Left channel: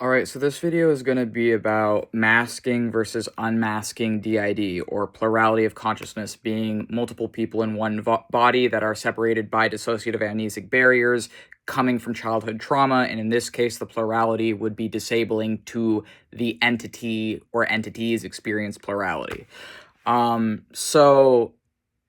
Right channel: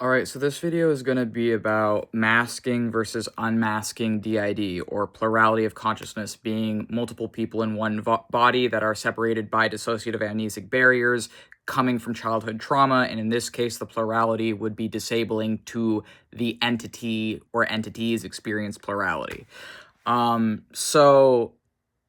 Alright, so this video is going to be about masking versus unmasking D.I.D, or plurality of consciousness, being multiple people in one body that are separated by dissociative amnesic barriers coming from childhood trauma, and in this case, the plurality would be disabling to the entity or entities experience plurality. So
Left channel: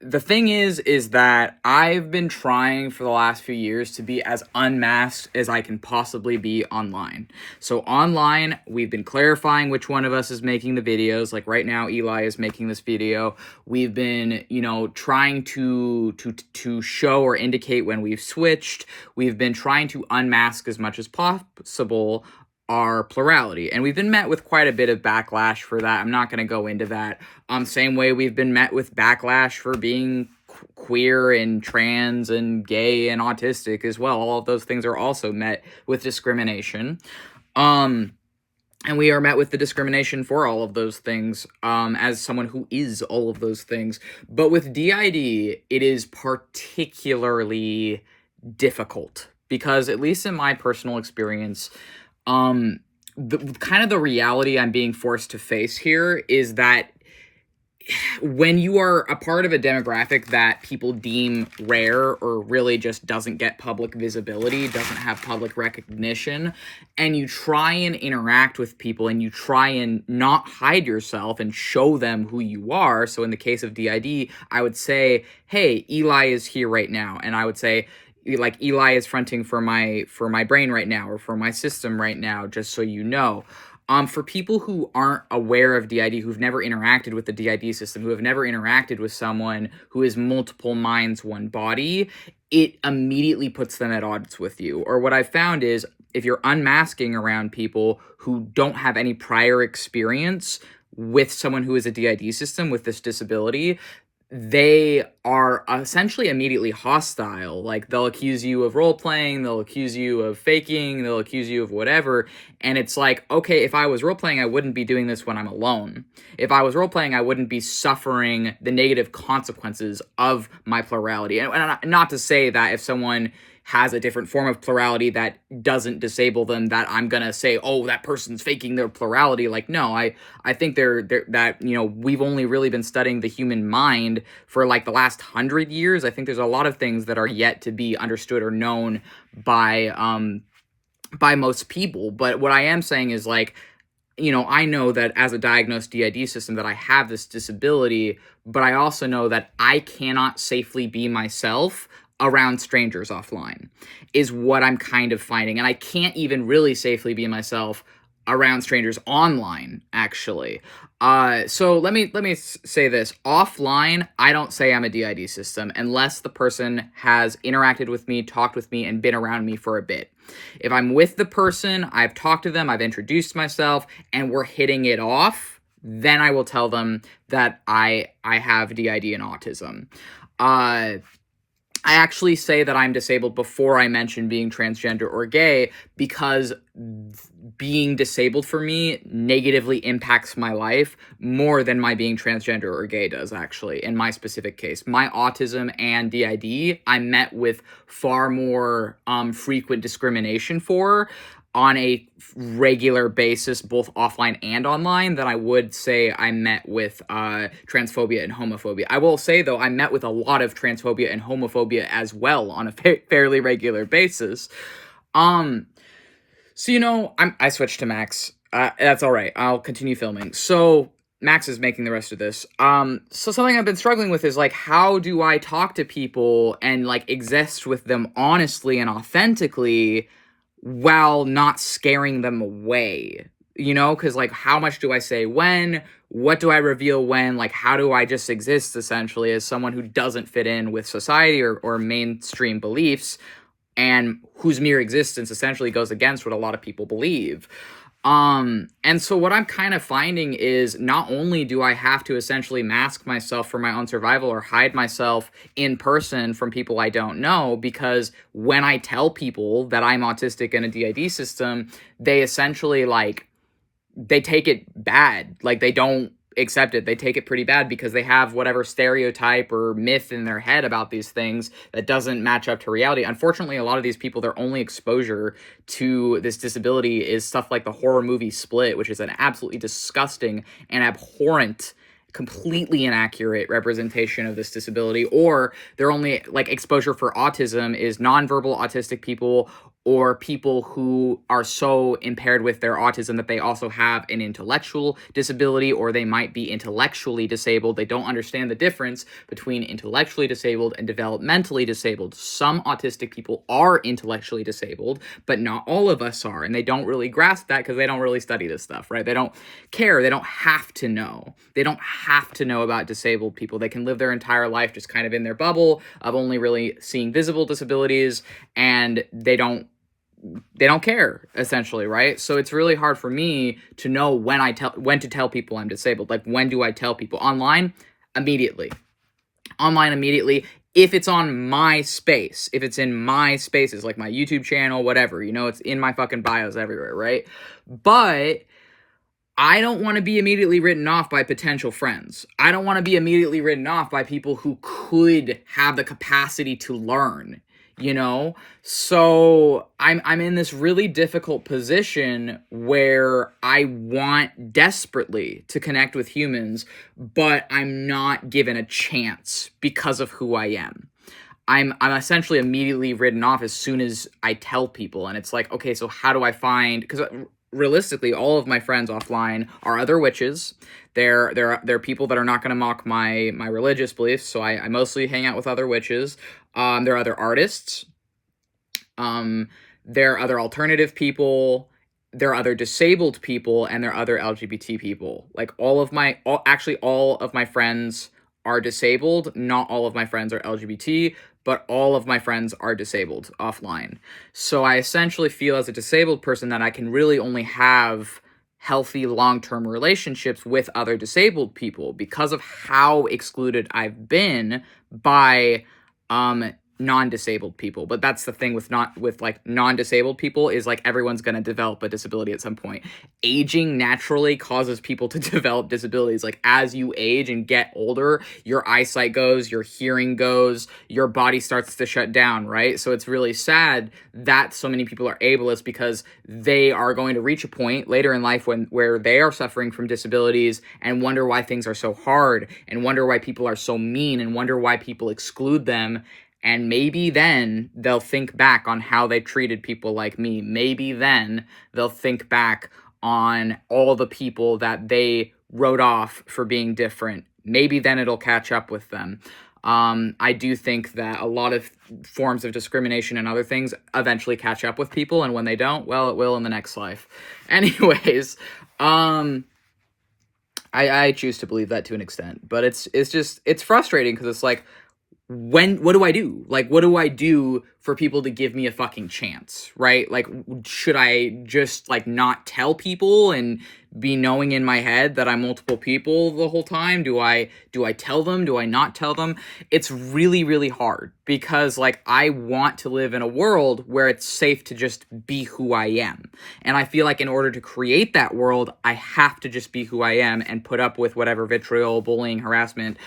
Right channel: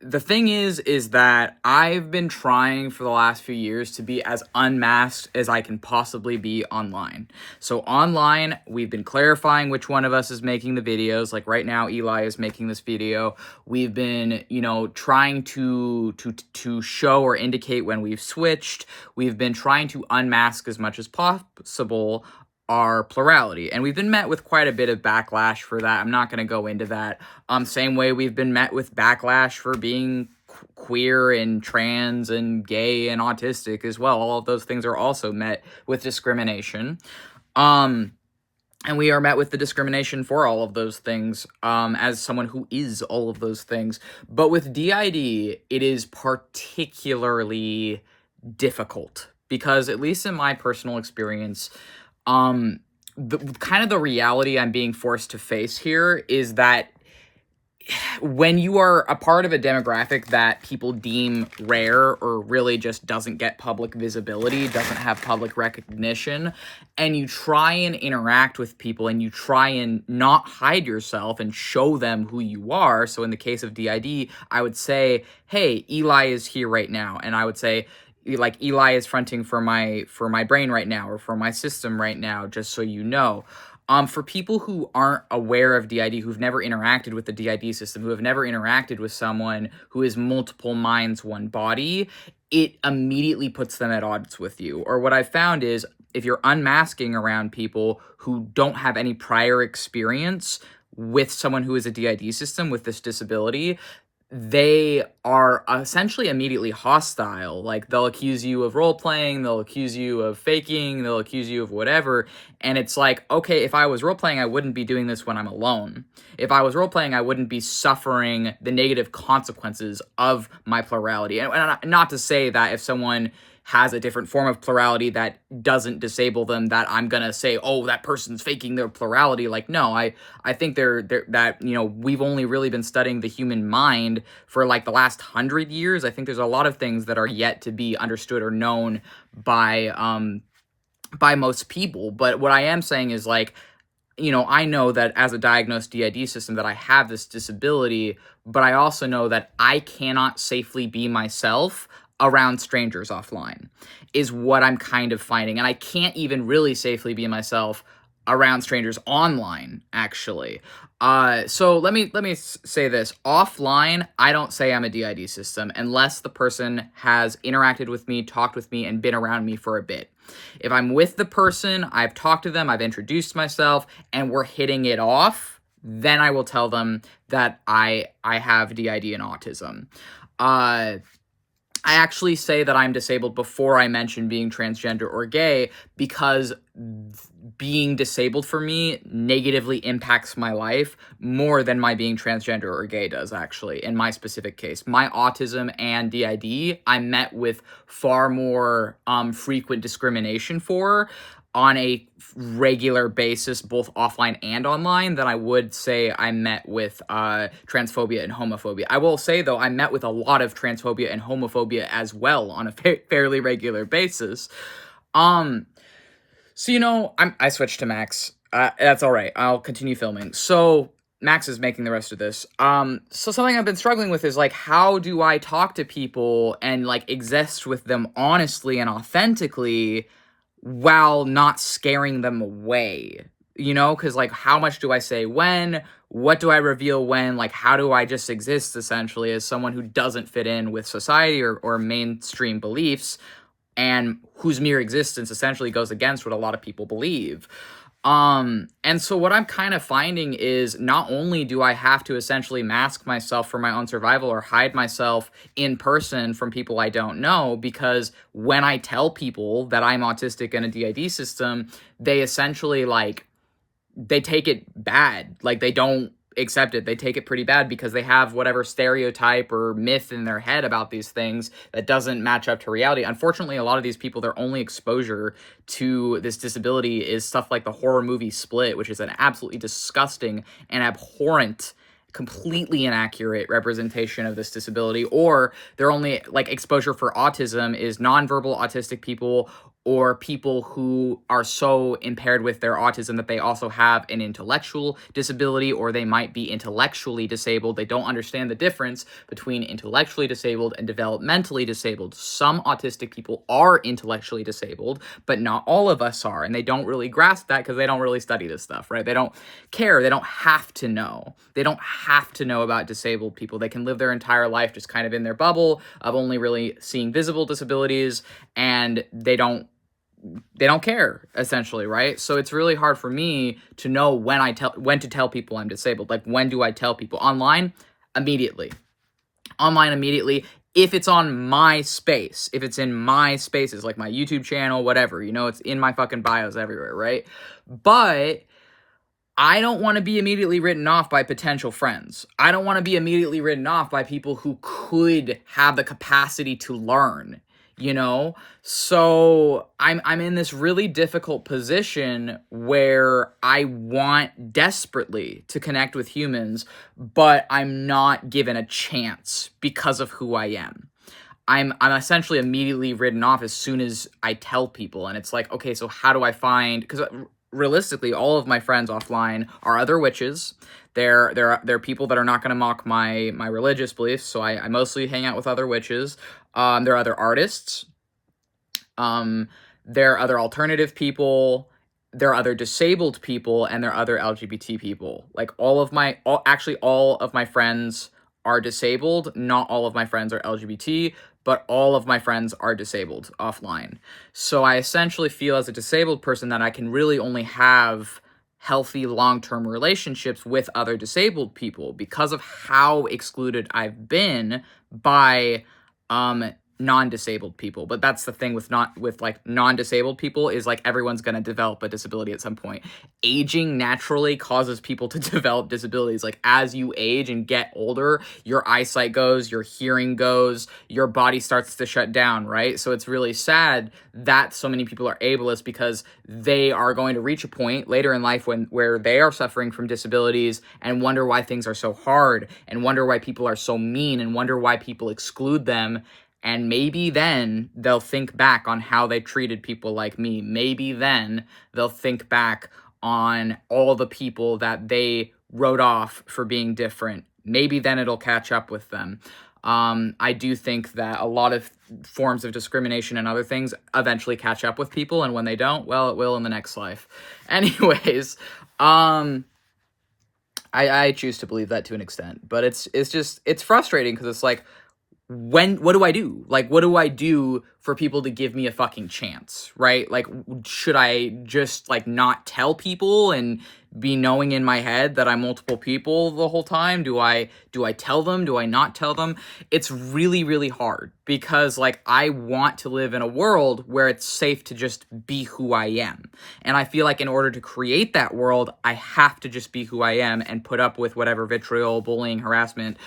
the thing is that I've been trying for the last few years to be as unmasked as I can possibly be online. So online, we've been clarifying which one of us is making the videos. Like right now, Eli is making this video. We've been, trying to show or indicate when we've switched. We've been trying to unmask as much as possible our plurality, and we've been met with quite a bit of backlash for that. I'm not going to go into that. Same way we've been met with backlash for being queer and trans and gay and autistic as well. All of those things are also met with discrimination. And we are met with the discrimination for all of those things, as someone who is all of those things. But with D.I.D, it is particularly difficult because, at least in my personal experience, the reality I'm being forced to face here is that when you are a part of a demographic that people deem rare or really just doesn't get public visibility, doesn't have public recognition, and you try and interact with people and you try and not hide yourself and show them who you are. So in the case of D.I.D, I would say, hey, Eli is here right now. And I would say, like, Eli is fronting for my brain right now, or for my system right now, just so you know. For people who aren't aware of D.I.D, who've never interacted with the D.I.D system, who have never interacted with someone who is multiple minds, one body, it immediately puts them at odds with you. Or what I've found is, if you're unmasking around people who don't have any prior experience with someone who is a D.I.D system with this disability, they are essentially immediately hostile. Like, they'll accuse you of role-playing, they'll accuse you of faking, they'll accuse you of whatever, and it's like, okay, if I was role-playing, I wouldn't be doing this when I'm alone. If I was role-playing, I wouldn't be suffering the negative consequences of my plurality. And not to say that if someone has a different form of plurality that doesn't disable them, that I'm gonna say, oh, that person's faking their plurality. Like, no, I think that, we've only really been studying the human mind for like the last 100 years. I think there's a lot of things that are yet to be understood or known by most people. But what I am saying is, like, I know that as a diagnosed D.I.D system that I have this disability, but I also know that I cannot safely be myself around strangers offline, is what I'm kind of finding. And I can't even really safely be myself around strangers online, actually. So let me say this. Offline, I don't say I'm a D.I.D system unless the person has interacted with me, talked with me, and been around me for a bit. If I'm with the person, I've talked to them, I've introduced myself, and we're hitting it off, then I will tell them that I have D.I.D and autism. I actually say that I'm disabled before I mention being transgender or gay, because being disabled for me negatively impacts my life more than my being transgender or gay does, actually, in my specific case. My autism and D.I.D, I met with far more frequent discrimination for on a regular basis, both offline and online, than I would say I met with transphobia and homophobia. I will say, though, I met with a lot of transphobia and homophobia as well on a fairly regular basis. So, I switched to Max. That's all right. I'll continue filming. So Max is making the rest of this. So something I've been struggling with is, like, how do I talk to people and, like, exist with them honestly and authentically while not scaring them away, because, like, how much do I say when? What do I reveal when? Like, how do I just exist, essentially, as someone who doesn't fit in with society or mainstream beliefs, and whose mere existence essentially goes against what a lot of people believe? And so what I'm kind of finding is, not only do I have to essentially mask myself for my own survival or hide myself in person from people I don't know, because when I tell people that I'm autistic in a D.I.D system, they essentially, like, they take it bad. Like, they don't accept it. They take it pretty bad because they have whatever stereotype or myth in their head about these things that doesn't match up to reality. Unfortunately, a lot of these people, their only exposure to this disability is stuff like the horror movie Split, which is an absolutely disgusting and abhorrent, completely inaccurate representation of this disability. Or their only like exposure for autism is nonverbal autistic people, or people who are so impaired with their autism that they also have an intellectual disability, or they might be intellectually disabled. They don't understand the difference between intellectually disabled and developmentally disabled. Some autistic people are intellectually disabled, but not all of us are, and they don't really grasp that because they don't really study this stuff, right? They don't care. They don't have to know. They don't have to know about disabled people. They can live their entire life just kind of in their bubble of only really seeing visible disabilities, and they don't care, essentially, right? So it's really hard for me to know when to tell people I'm disabled. Like, when do I tell people? Online, immediately. If it's on my space, if it's in my spaces, like my YouTube channel, whatever, it's in my fucking bios everywhere, right? But I don't want to be immediately written off by potential friends. I don't want to be immediately written off by people who could have the capacity to learn, So I'm in this really difficult position where I want desperately to connect with humans, but I'm not given a chance because of who I am. I'm essentially immediately written off as soon as I tell people, and it's like, okay, so how do I find, because realistically, all of my friends offline are other witches. They're people that are not going to mock my religious beliefs, so I mostly hang out with other witches. There are other artists. There are other alternative people. There are other disabled people, and there are other LGBT people. Like, all of my friends are disabled. Not all of my friends are LGBT, but all of my friends are disabled offline. So I essentially feel, as a disabled person, that I can really only have healthy long-term relationships with other disabled people because of how excluded I've been by non-disabled people. But that's the thing with non-disabled people, is like, everyone's going to develop a disability at some point. Aging naturally causes people to develop disabilities. Like, as you age and get older, your eyesight goes, your hearing goes, your body starts to shut down, right? So it's really sad that so many people are ableist, because they are going to reach a point later in life where they are suffering from disabilities and wonder why things are so hard, and wonder why people are so mean, and wonder why people exclude them. And maybe then they'll think back on how they treated people like me. Maybe then they'll think back on all the people that they wrote off for being different. Maybe then it'll catch up with them. I do think that a lot of forms of discrimination and other things eventually catch up with people, and when they don't, well, it will in the next life. Anyways, I choose to believe that to an extent, but it's frustrating, because it's like, what do I do? Like, what do I do for people to give me a fucking chance, right? Like, should I just, like, not tell people and be knowing in my head that I'm multiple people the whole time? Do I tell them? Do I not tell them? It's really, really hard, because, like, I want to live in a world where it's safe to just be who I am. And I feel like in order to create that world, I have to just be who I am and put up with whatever vitriol, bullying, harassment,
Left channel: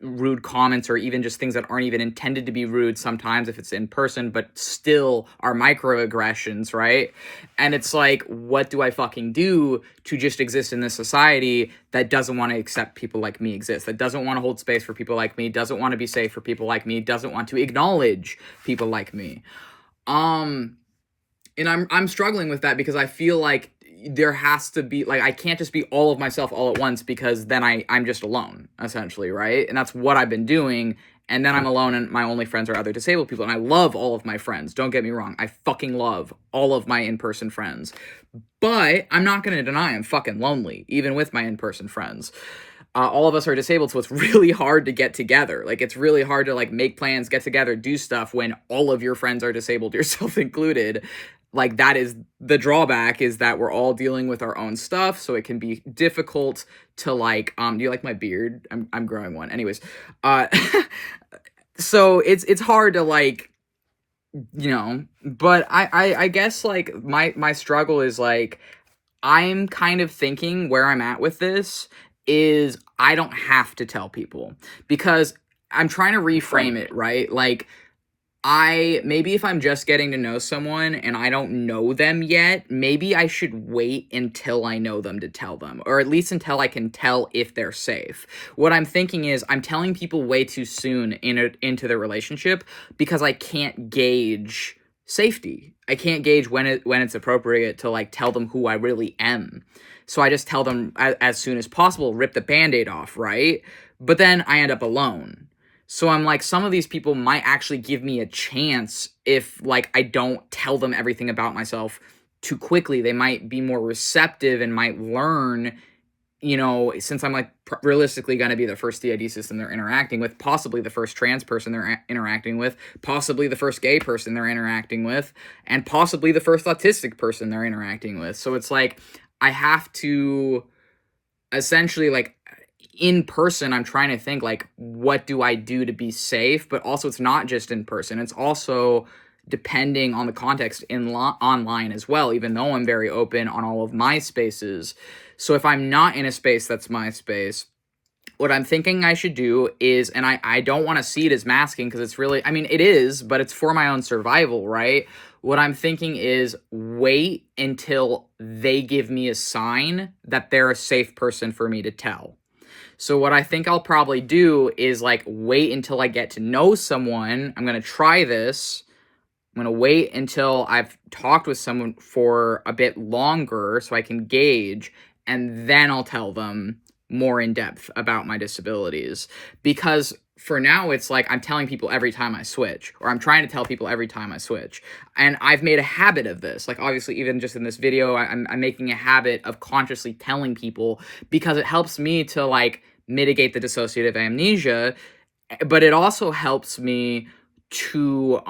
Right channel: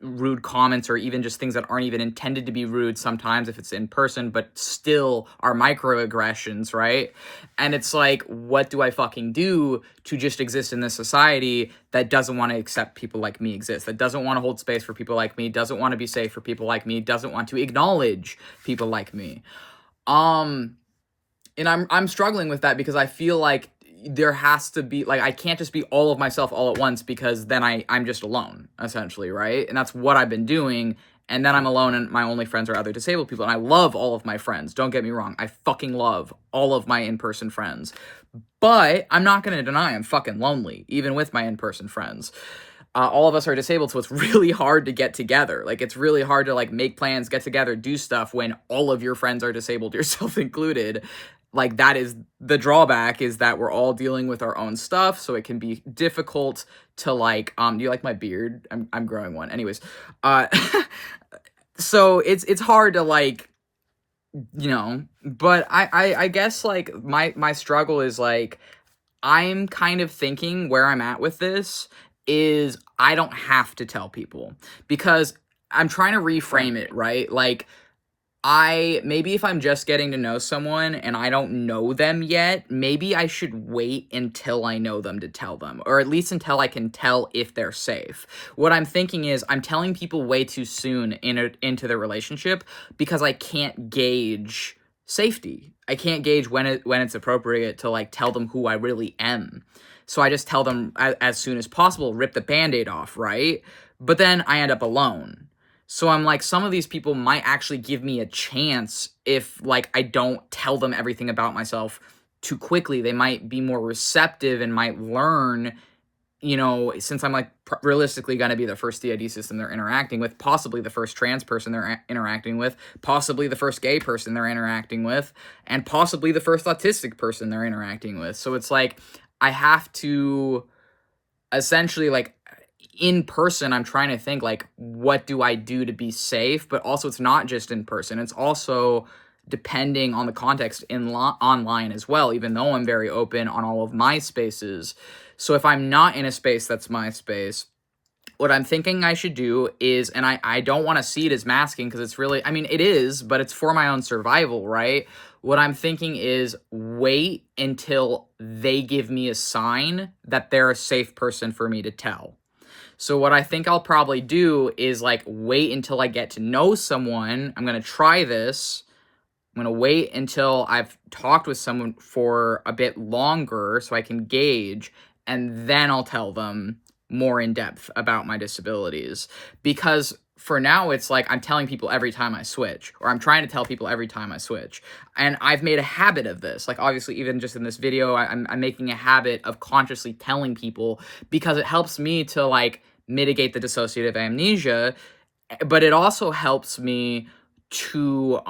rude comments, or even just things that aren't even intended to be rude sometimes if it's in person, but still are microaggressions, right? And it's like, what do I fucking do to just exist in this society that doesn't want to accept people like me exist, that doesn't want to hold space for people like me, doesn't want to be safe for people like me, doesn't want to acknowledge people like me? And I'm struggling with that, because I feel like there has to be, like, I can't just be all of myself all at once, because then I'm just alone, essentially, right? And that's what I've been doing. And then I'm alone, and my only friends are other disabled people. And I love all of my friends. Don't get me wrong. I fucking love all of my in-person friends. But I'm not going to deny I'm fucking lonely, even with my in-person friends. All of us are disabled, so it's really hard to get together. Like, it's really hard to, like, make plans, get together, do stuff when all of your friends are disabled, yourself included. Like, that is the drawback, is that we're all dealing with our own stuff, so it can be difficult to, like, do you like my beard? I'm growing one. Anyways, so it's hard to, like, but I guess, like, my struggle is, like, I'm kind of thinking where I'm at with this is I don't have to tell people, because I'm trying to reframe it, right? Like, maybe if I'm just getting to know someone and I don't know them yet, maybe I should wait until I know them to tell them, or at least until I can tell if they're safe. What I'm thinking is I'm telling people way too soon into the relationship, because I can't gauge safety. I can't gauge when it's appropriate to like tell them who I really am. So I just tell them as soon as possible, rip the Band-Aid off, right? But then I end up alone. So I'm like, some of these people might actually give me a chance if, like, I don't tell them everything about myself too quickly. They might be more receptive and might learn, since I'm, like, realistically going to be the first D.I.D system they're interacting with, possibly the first trans person they're interacting with, possibly the first gay person they're interacting with, and possibly the first autistic person they're interacting with. So it's like, I have to essentially, like, in person, I'm trying to think, like, what do I do to be safe? But also, it's not just in person. It's also depending on the context online as well, even though I'm very open on all of my spaces. So if I'm not in a space that's my space, what I'm thinking I should do is, and I don't want to see it as masking, because it's really, I mean, it is, but it's for my own survival, right? What I'm thinking is wait until they give me a sign that they're a safe person for me to tell. So what I think I'll probably do is, like, wait until I get to know someone. I'm going to try this. I'm going to wait until I've talked with someone for a bit longer so I can gauge, and then I'll tell them more in depth about my disabilities. Because for now, it's like I'm telling people every time I switch, or I'm trying to tell people every time I switch. And I've made a habit of this. Like, obviously, even just in this video, I'm making a habit of consciously telling people, because it helps me to, like, mitigate the dissociative amnesia, but it also helps me to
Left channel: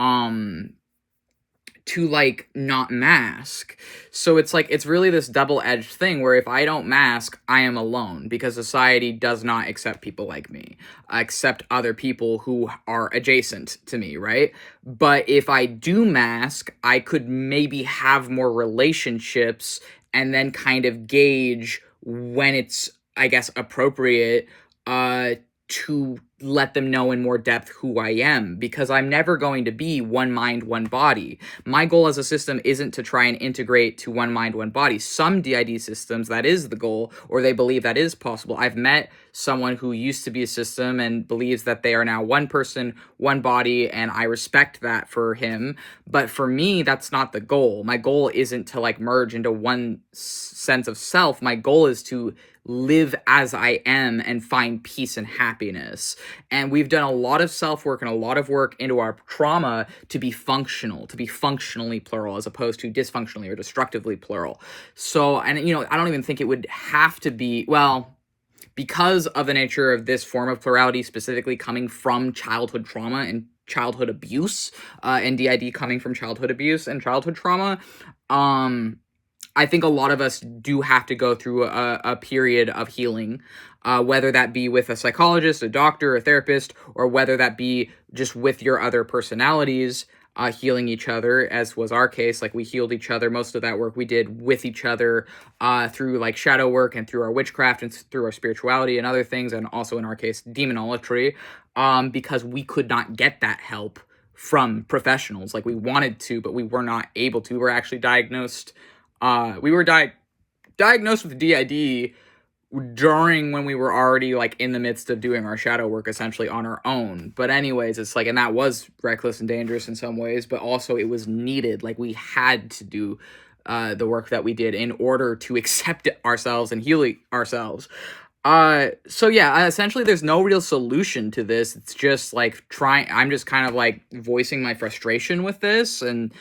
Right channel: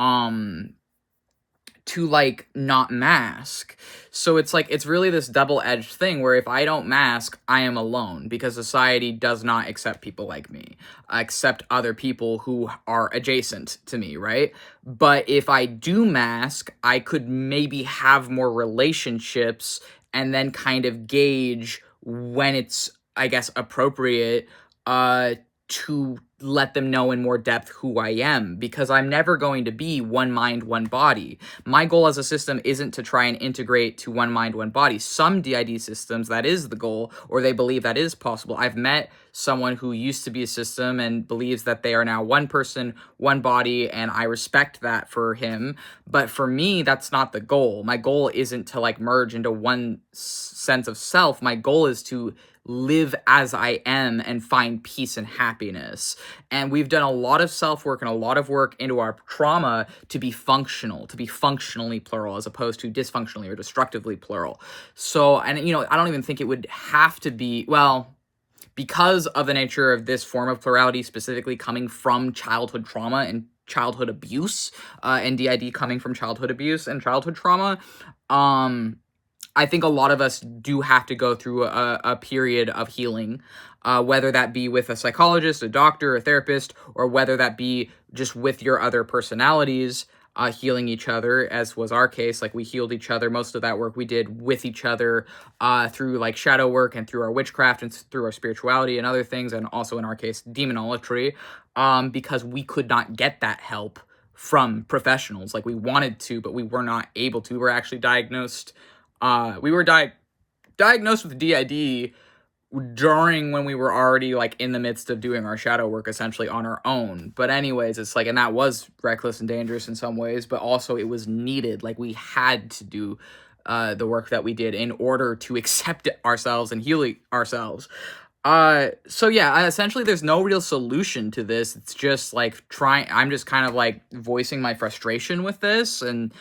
like not mask. So it's like, it's really this double-edged thing where if I don't mask, I am alone, because society does not accept people like me, accept other people who are adjacent to me, right? But if I do mask, I could maybe have more relationships and then kind of gauge when it's, I guess, appropriate to let them know in more depth who I am, because I'm never going to be one mind, one body. My goal as a system isn't to try and integrate to one mind, one body. Some D.I.D systems, that is the goal, or they believe that is possible. I've met someone who used to be a system and believes that they are now one person, one body, and I respect that for him. But for me, that's not the goal. My goal isn't to, like, merge into one sense of self. My goal is to live as I am and find peace and happiness. And we've done a lot of self-work and a lot of work into our trauma to be functional, to be functionally plural, as opposed to dysfunctionally or destructively plural. So, and I don't even think it would have to be, well, because of the nature of this form of plurality specifically coming from childhood trauma and childhood abuse, and D.I.D coming from childhood abuse and childhood trauma, I think a lot of us do have to go through a period of healing, whether that be with a psychologist, a doctor, a therapist, or whether that be just with your other personalities, healing each other, as was our case. Like, we healed each other. Most of that work we did with each other, through, like, shadow work and through our witchcraft and through our spirituality and other things, and also, in our case, demonolatry, because we could not get that help from professionals. Like, we wanted to, but we were not able to. We were actually diagnosed diagnosed with D.I.D during when we were already, like, in the midst of doing our shadow work essentially on our own. But anyways, it's like, and that was reckless and dangerous in some ways, but also it was needed. Like, we had to do the work that we did in order to accept ourselves and heal ourselves. So yeah, essentially there's no real solution to this. It's just like I'm just kind of like voicing my frustration with this, and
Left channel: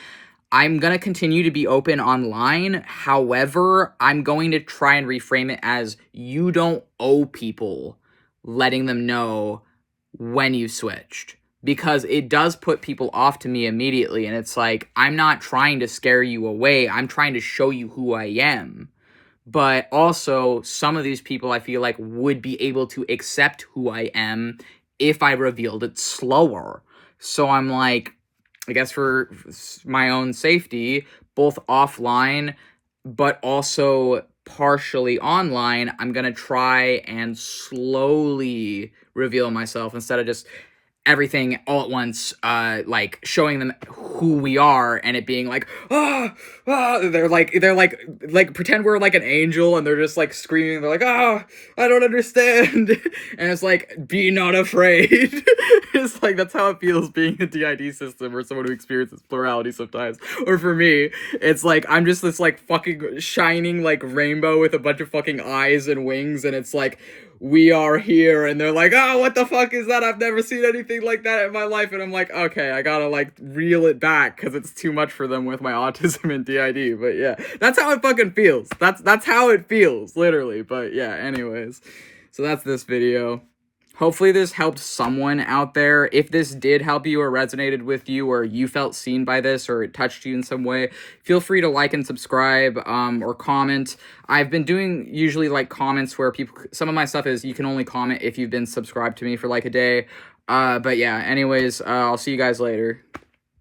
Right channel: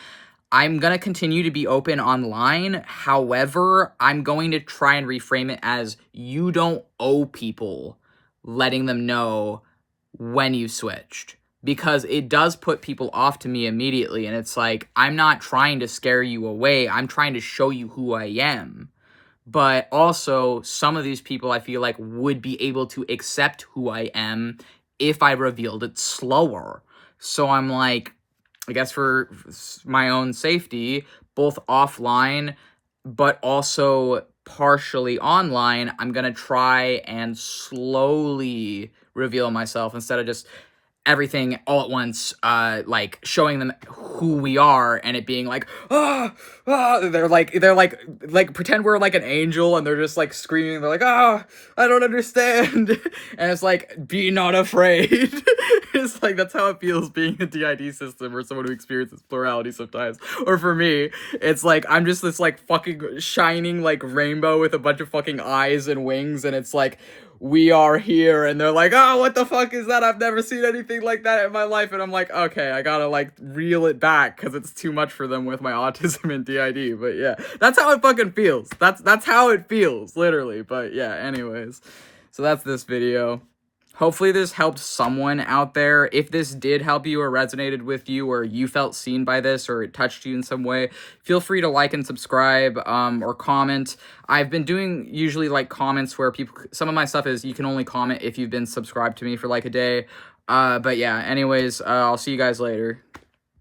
I'm going to continue to be open online. However, I'm going to try and reframe it as, you don't owe people letting them know when you switched, because it does put people off to me immediately. And it's like, I'm not trying to scare you away. I'm trying to show you who I am. But also, some of these people I feel like would be able to accept who I am if I revealed it slower. So I'm like, I guess for my own safety, both offline, but also partially online, I'm gonna try and slowly reveal myself instead of just everything all at once, like showing them who we are and it being like, they're like pretend we're like an angel and they're just like screaming, they're like, I don't understand. And it's like, be not afraid. It's like, that's how it feels being a D.I.D system or someone who experiences plurality sometimes. Or for me, it's like I'm just this like fucking shining like rainbow with a bunch of fucking eyes and wings, and it's like, we are here, and they're like, what the fuck is that? I've never seen anything like that in my life. And I'm like, okay, I gotta like reel it back because it's too much for them with my autism and D.I.D. But yeah, that's how it fucking feels. That's how it feels, literally. But yeah, anyways, so that's this video. Hopefully this helped someone out there. If this did help you or resonated with you, or you felt seen by this, or it touched you in some way, feel free to like and subscribe, or comment. I've been doing usually like comments where some of my stuff is you can only comment if you've been subscribed to me for like a day. But yeah, anyways, I'll see you guys later.